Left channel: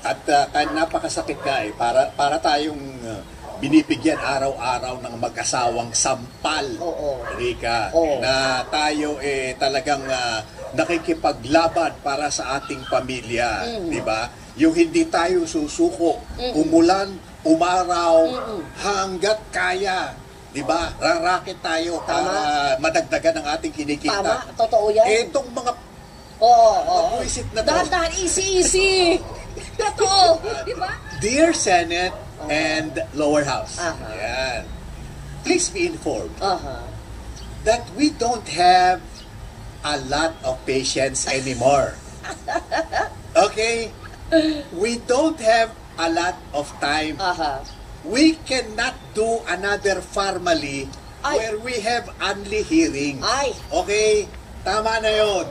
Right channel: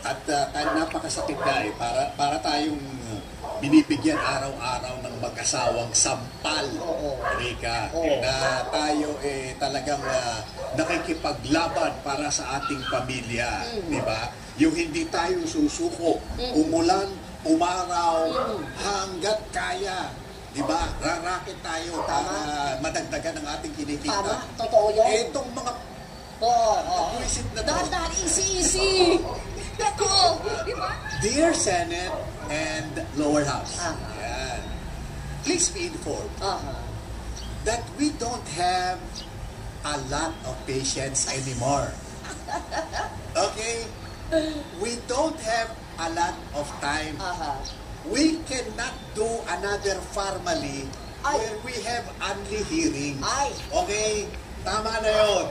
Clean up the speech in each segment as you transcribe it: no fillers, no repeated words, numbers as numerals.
At napakasakit na para tayong binibigyan araw-araw ng mag-asawang sampal, Rika, na tayo talagang nakikipaglaban para sa ating pamilya, di ba? Yung hindi tayo susuko, umulan, umaraw, hanggat kaya, di ba? Rarakit tayo para madagdagan ang ating kinikita. Tama, totoo yan. Itong mga buwisit na to. Dahan-dahan, easy. Ako, di ba? Dear Senate and Lower House, yan. Please be informed that we don't have a lot of patience anymore. Okay? We don't have a lot of time. We cannot do another formally where we have only hearings. Okay? Tama na yun.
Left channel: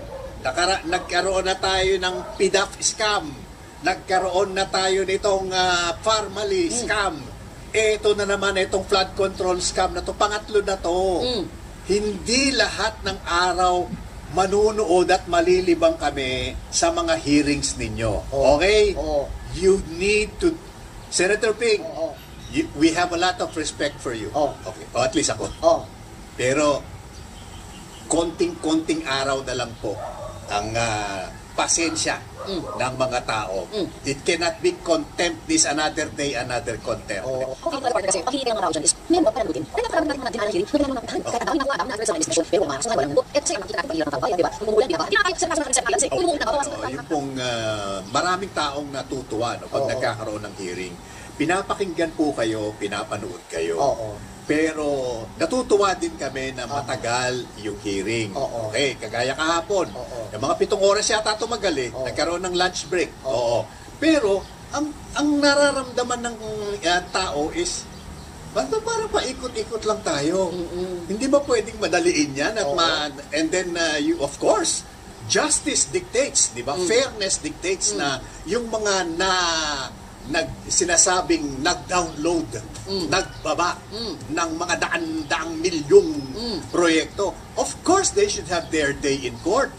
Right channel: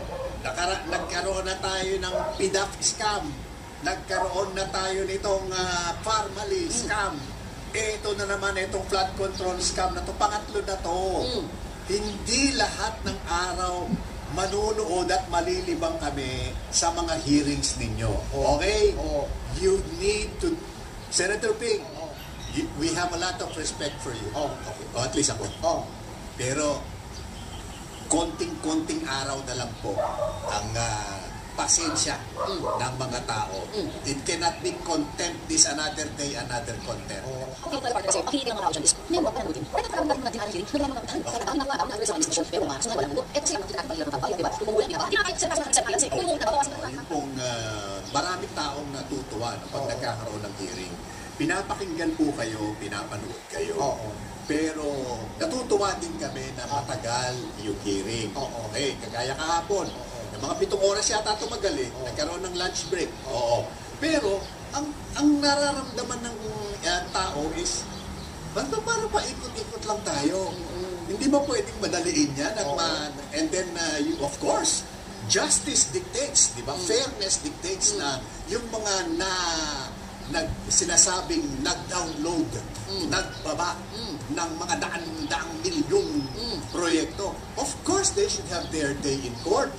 Nagkaroon na tayo ng PDAF scam. Nagkaroon na tayo nitong formally scam. Ito na naman, itong flood control scam na to. Pangatlo na to. Hindi lahat ng araw manunood at malilibang kami sa mga hearings ninyo. Okay? You need to... Senator Ping, we have a lot of respect for you. Okay. O at least ako. Pero, konting-konting araw na lang po ang pasensya ng mga tao. It cannot be contempt this another day, another contempt. Kasi ang hihiling ng araw dyan is, may mga panagutin. May nagkaroon natin ng hearing, hindi naman mga kahit ang nagawa namin sa discussion, pero mga sa nagawa namin. Kasi ang nakikita ng hirap ng tao, diba? Umumulan, diba? Yung pong maraming taong natutuwa pag nagkakaroon ng hearing. Pinapakinggan po kayo, pinapanood kayo. Pero natutuwa din kami na matagal yung hearing. Okay, kagaya kahapon. Yung mga 7 oras yata tumagal nagkaroon ng lunch break. Pero ang nararamdaman ng tao is basta para paikot-ikot lang tayo. Hindi ba pwedeng madaliin yan? And then, you, of course, justice dictates, di ba? Fairness dictates na yung mga sinasabing nag-download, nagbaba ng mga daan-daang milyong proyekto. Of course, they should have their day in court.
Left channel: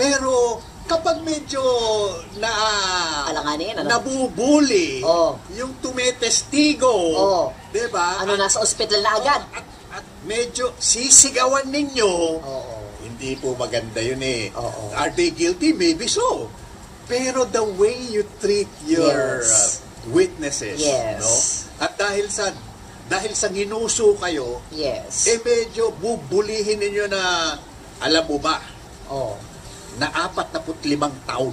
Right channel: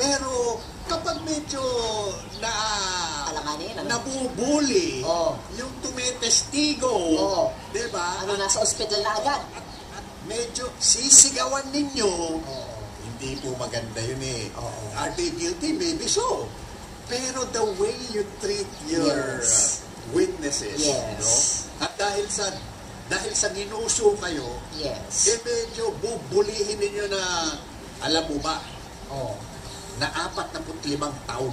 Pero kapag medyo nabubuli, yung tumetestigo, diba? Nasa ospital na agad. At medyo sisigawan ninyo, hindi po maganda yun Are they guilty? Maybe so. Pero the way you treat your witnesses, no? At dahil sa ginuso kayo, medyo bubulihin ninyo na, alam mo ba, na 45 taon.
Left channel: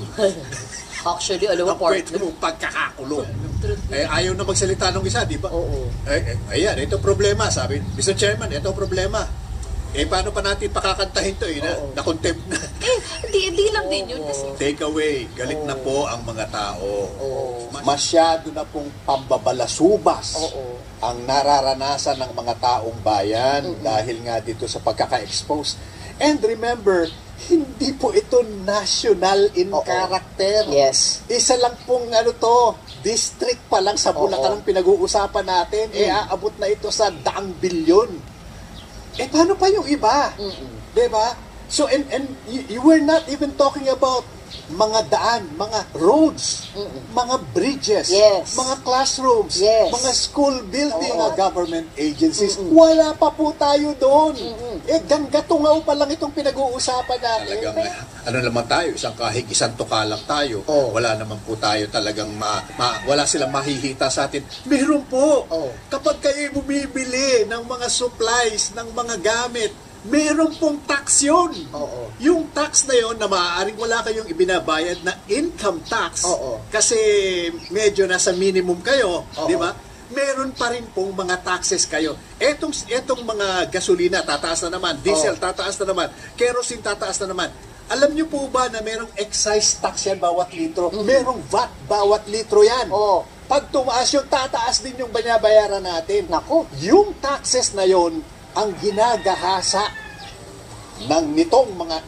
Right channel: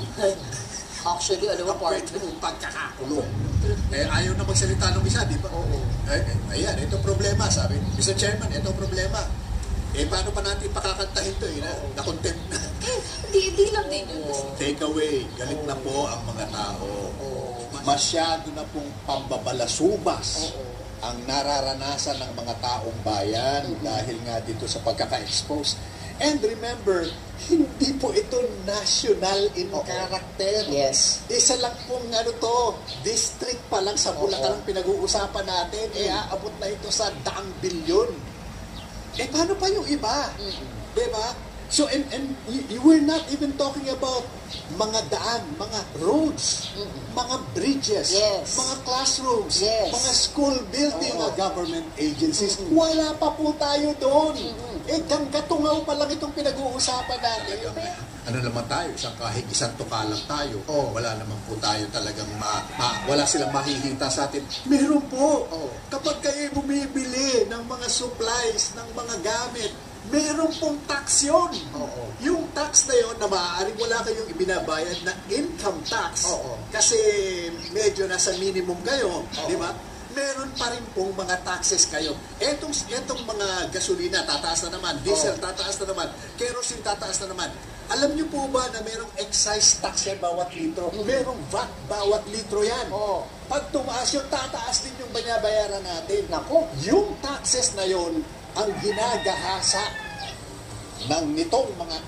Actually, alam mo, pwede mo pagkakakulong. Ayaw na magsalita ng isa, di ba? Ayan, ito problema, sabi. Mr. Chairman, ito problema. Paano pa natin pakakantahin to na-contempt na. Hindi lang din yun. Take away, galit na po ang mga tao. Masyado na pong pambabalasubas ang nararanasan ng mga taong bayan dahil nga dito sa pagkaka-expose. And remember, hindi po ito national in character. Isa lang pong district pa lang sa Bulacan ang pinag-uusapan natin. Aabot na ito sa 100 bilyon. Paano pa yung iba? Diba? So, and you were not even talking about mga daan, mga roads, mga bridges, mga classrooms, mga school building, mga government agencies. Wala pa po tayo doon. Ganggatungaw pa lang itong pinag-uusapan natin. Ano naman tayo? Isang tuka lang tayo. Wala naman po tayo talagang wala silang mahihita sa atin. Meron po. Kapag kayo bumibili ng mga supplies, ng mga gamit, meron pong tax yun. Yung tax na yun na maaaring wala kayong ibinabayad na income tax kasi medyo nasa minimum kayo, di ba? Meron pa rin pong mga taxes kayo. Etong mga gasolina, tataas na naman. Diesel, tataas na naman. Kerosene, tataas na naman. Alam niyo po ba na merong excise tax yan bawat litro? Merong VAT bawat litro yan. Pag tumaas yun, tataas din yung binabayaran natin. Yung taxes na yun, ang ginagahasa ng nitong mga